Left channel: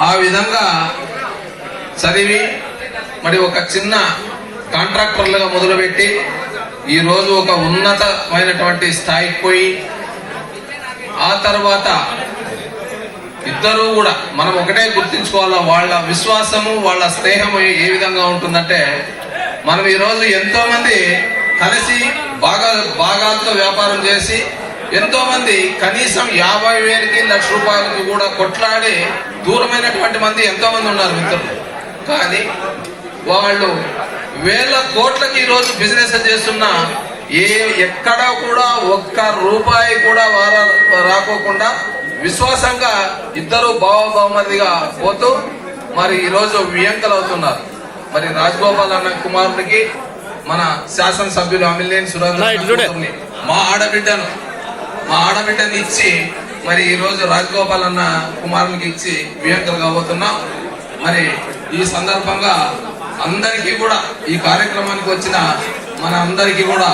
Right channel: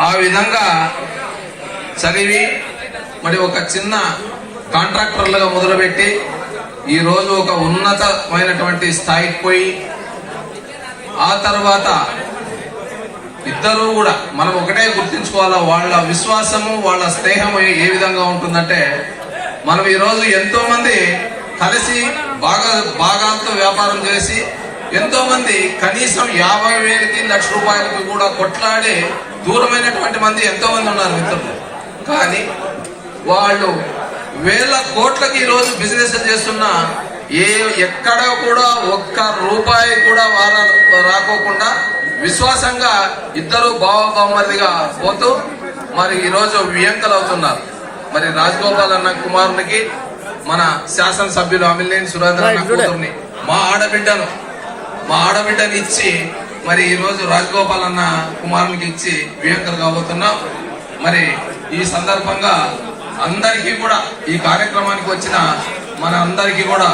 ఆ విధంగా చదివి మరి ఒక చిన్న కాంట్రాక్టర్లుగా మొదలుపెట్టి ఈ రోజు ఒక ఉన్నతమైనటువంటి స్థాయికి పోయి ఆ తర్వాత ఇద్దరూ కూడా మనం ఒకటే గుర్తించుకోవాలా వాళ్ళ విశ్వాసము వాళ్ళ స్నేహము ఏ- విధంగా ఉంటుందంటే మనం ఈ రోజు ఎంతో మంది కలిసి బాగా భాగాలతో వ్యాపారం చేసి ఎంతో మంది కనీసం యాభై వేలకి లక్ష రూపాయలకి కూడా కొట్లాడి దూరమైనటువంటి మంది ఎంతో మంది ఉన్నారు మిత్రులు. కానీ వాళ్ళు వేల కోట్లకి ఈ రోజు బిజినెస్ చేస్తున్నా ఏ ఎక్కడ కూడా ఒక్క రూపాయి కూడా వార రాకోకుండా విశ్వాసంగా ఇద్దరు బావబామరిదిగా పోతూ మరి ఈరోజు వియంకలు అవుతున్నారు మరి రాజగోపాల్ అన్న కుమారునికి మన శాసనసభ్యులు అమిలేని సురేంద్ర మా ఆడబిడ్డను మా ఆడబిడ్డని ఇచ్చి మరి ఈ రోజు రాజగోపాల్ అన్న కుమారునికి ఇచ్చి వియంకలు కాబోతున్నాం. మరి ఈ సందర్భంగా అందరికీ కూడా ఈ కార్యక్రమానికి వచ్చిన మన అందరికీ కూడా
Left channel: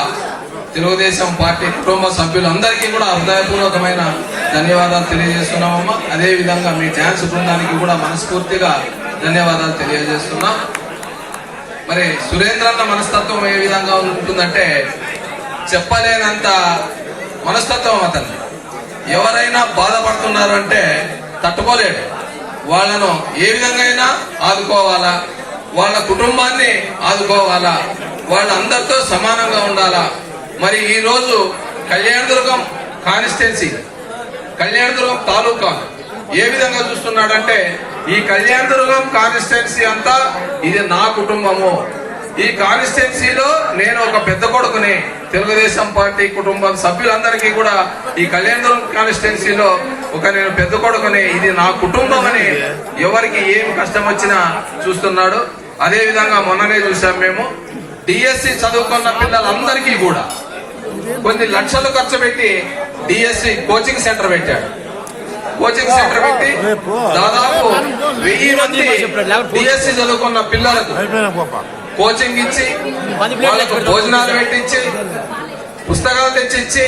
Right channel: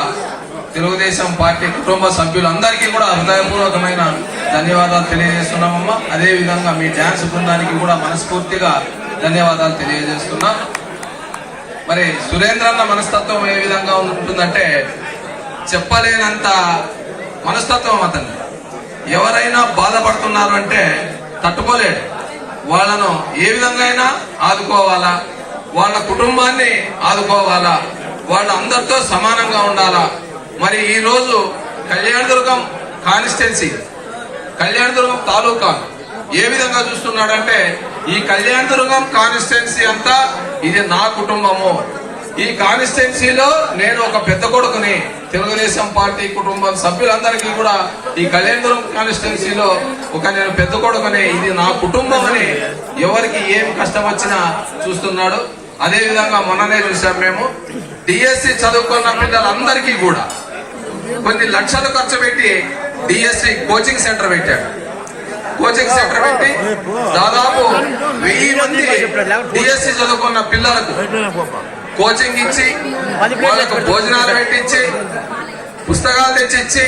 తెలుగుదేశం పార్టీ కుటుంబ సభ్యులందరికీ కూడా హృదయపూర్వకమైన ధన్యవాదాలు తెలియజేస్తున్నామమ్మా. అదే విధంగా మీ డ్యాన్స్ బృందానికి కూడా మనస్ఫూర్తిగా ధన్యవాదాలు తెలియజేస్తున్నాం. మరి సురేంద్రన్న మనస్తత్వం ఏ విధంగా ఉంటుందంటే చెప్పలేనంత మనస్తత్వం అతను. ఎవరైనా బాధపడుతున్నారు అంటే తట్టుకోలేడు. వాళ్ళను ఏ విధంగా అయినా ఆదుకోవాలా? వాళ్ళ కుటుంబాన్ని ఆదుకోవాలా? వాళ్ళందరితో సమానంగా ఉండాలా? మరి ఈ రోజు కళ్యాణదుర్గం కాన్స్టిట్యున్సీ కళ్యాణదుర్గం తాలూకా ఏ విధంగా చూస్తున్నాడంటే ఈ కళ్యాణదుర్గం కాన్స్టిట్యున్సీ అంతా ఇది నా కుటుంబము. ఈ కాన్స్టిట్యున్సీలో నేను ఒక పెద్ద కొడుకుని తెలుగుదేశం పార్టీ కుటుంబం సభ్యులందరికీ కూడా ఈ కళ్యాణపురం కాన్స్టిట్యున్సీలో ఒక నేను పెద్ద కొడుకుని ఇది నా కుటుంబం అని ఎవరికి ఏం కష్టం వచ్చినా చూస్తున్నాడు. అదే విధంగా మొన్ననే చూసాం మేము డిఎస్సి చదువుకున్న పిల్లలందరికీ కూడా కొన్ని లక్షలు ఖర్చు పెట్టి డిఎస్సి కోచింగ్ సెంటర్ పెట్టాడు. కోచింగ్ సెంటర్ పెట్టి దాదాపు వెయ్యి మంది డిఎస్సి చదువుకున్న పిల్లలకు కోచింగ్ ఇచ్చి వాళ్ళకు భోజనాలు పెట్టించి పుస్తకాలు తెచ్చి ఇచ్చి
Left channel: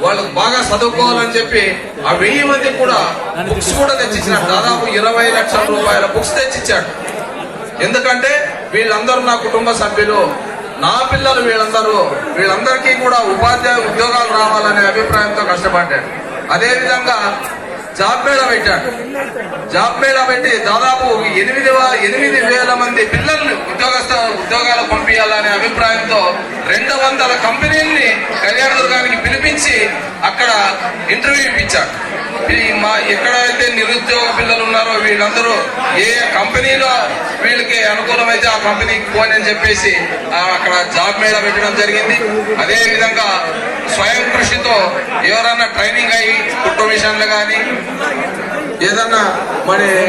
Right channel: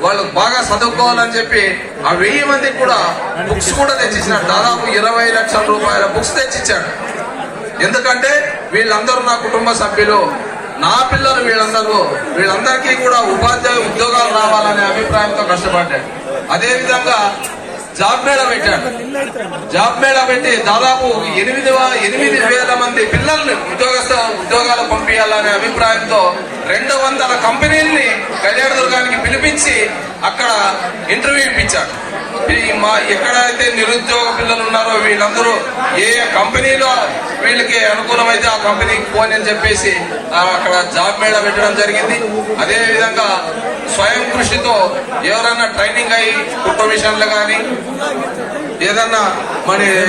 వాళ్ళకు బాగా చదువుకోవాలని చెప్పి ఆ వెయ్యి మంది కూడా బుక్స్ కూడా తెచ్చిచ్చినాడు దాదాపు ఇరవై లక్షల రూపాయల బుక్స్ తెచ్చిచ్చాడు ఎందుకంటే వీళ్ళందరూ నా కుటుంబ సభ్యులు నా పిల్లలు వీళ్ళందరూ వీళ్ళందరికీ కూడా ఉపాధ్యాయ ఉద్యోగాలు రావాలనే అభిప్రాయంతో కష్టపడ్డాడు అదే విధంగా జాబ్ మేళా పెట్టాడు జాబ్ మేళా పెట్టి దాదాపు ఎనిమిది ఎనిమిది వేల మంది పిల్లల్ని ఉద్యోగస్థ ఉద్యోగాలు పంపించాలనే అభిప్రాయంతో రెండు వందల కంపెనీల్ని కళ్యాణదుర్గానికి పిలిపించి అక్కడ ఇంటర్వ్యూ ఇప్పించాడు మా ఎక్కడైతే నిరుద్యోగ పిల్లలు ఉన్నారో వీళ్ళందరూ ఏ కంపెనీలో వీళ్ళకి అనుకూలమైతే ఆ కంపెనీకి పోనని చెప్పేసి అక్కడ జాబ్ మేళా పెట్టడం జరిగింది. అదేవిధంగా స్వయం కృషితో ఎవరైనా ట్రైనింగ్ అయ్యి కుటుంబ విషయంలో కానీ ఏదన్నా మరి